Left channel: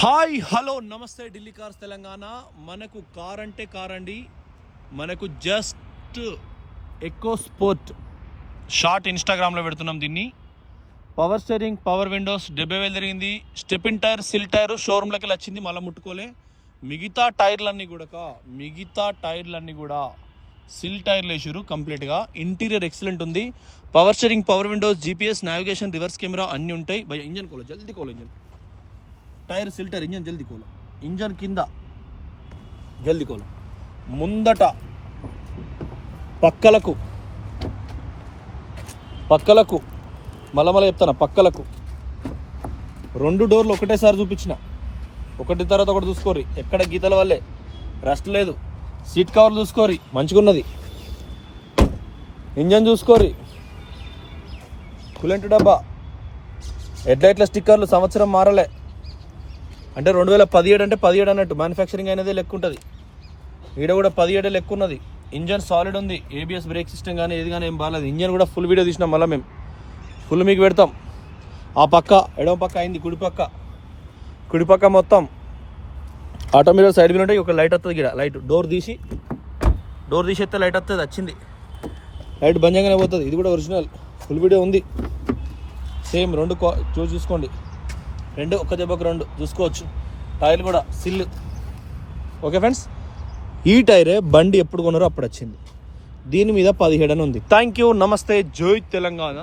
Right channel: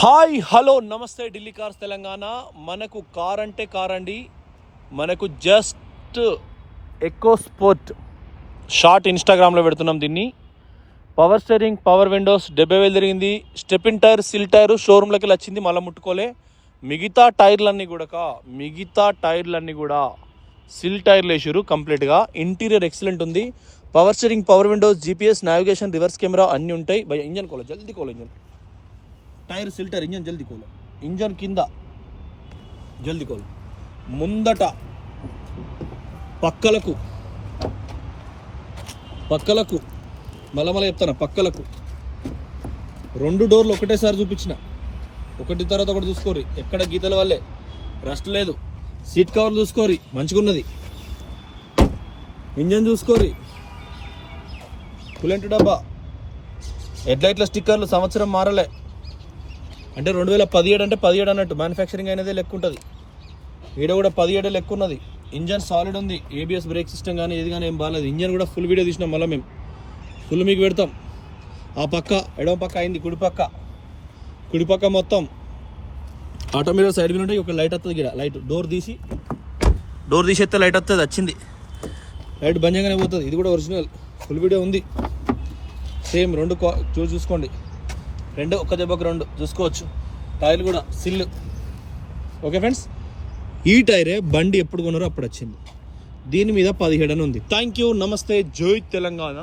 Hi hello నమస్తే Delhi cars Telangana. మనకు car అంటే కార్ అండి. మనకు జస్ట్ ఎకో స్పోర్ట్ షార్ట్ ఇన్స్టాగ్రామ్లో పెడుతున్నాం దీన్ని. పవర్ స్టీరింగ్, పవర్ విండోస్, 70,000 తిరిగింది. స్టెపిన్ టైర్, సిల్ టైర్ షోరూమ్లోకి వచ్చింది, మళ్ళీ ముట్టుకోలే. మిగతా టైర్లన్నీ కూడా సిల్ టైర్లు వేసారు కంప్లీట్గా. ఇంటీరియర్ ఎక్సలెంట్ ఉంది. Power steering, power Windows, GPS, navigation, reverse camera అన్నీ ఉంటాయి. భయ ఇంజన్ కోలో జల్దీ కోలో, ఇంజన్ టైర్ సిల్టర్, ఇంజన్ జల్దీ కోలు, ఇంజన్ కింద జల్దీ కోలు, ముందట పక్కలకు మళ్ళా చెప్తాను, పక్కలకు 2 డోర్లు ఒకటేసారి చూపించిన, ఒకటి తర్వాత ఒకటి చూసుకోరి. ఎక్కడ గీతల వల్లే రస్ట్ లేదు. సీట్ కవర్ చూసుకోరి, మంచిగున్నది. ఇంజన్ చూసుకోరి, కూలెంట్ డబ్బా, హెడ్లైట్ల స్టిక్కర్లు సంవత్సరం మారలే. అంటే 2017 అంటే 17 అన్నట్టు, మ్యానుఫ్యాక్చరింగ్ అయినదే లెక్క ఉంటుంది. ఈడ కూడా 17 లెక్క ఉన్నది. ఇంజన్ సాలిడ్ ఉంది. ఏబిఎస్ బ్రేక్ సిస్టమ్ కానీ ఏది కానీ ఏం బాగాలేదు. ఇంజన్ కూడా ఫుల్ వీడియో తీసినాం, మళ్ళీ మేము ఫుల్ మీకు పెడతాం. ఆ పక్క ఎడమ పక్క అయింది, కుడిపక్క మొత్తం ఆటోమేటిక్ సైడ్ మీద ఉంటాయి. ఒక లైట్ వస్తుంది ఇక్కడ, లైట్ డోర్ తీసేస్తే లైట్ వస్తుంది, వచ్చింది లైట్ బంజంగానే పోతుంది. ఇది కూడా ఒరిజినల్, ఫుల్ వీడియో ఉంది. సేమ్ 2 చూసుకోండి, 2 ఒక్క దెబ్బకు 2 చూసుకోవచ్చు. టైర్లు కూడా సిల్. ఓకే ఫ్రెండ్స్, ఈ టైరే బండి ఎప్పుడు కొన్నారో అప్పుడు వచ్చింది. దీని మీద 17 అని ఉంది. థ్యాంక్ యూ, నమస్తే, జై తెలంగాణ.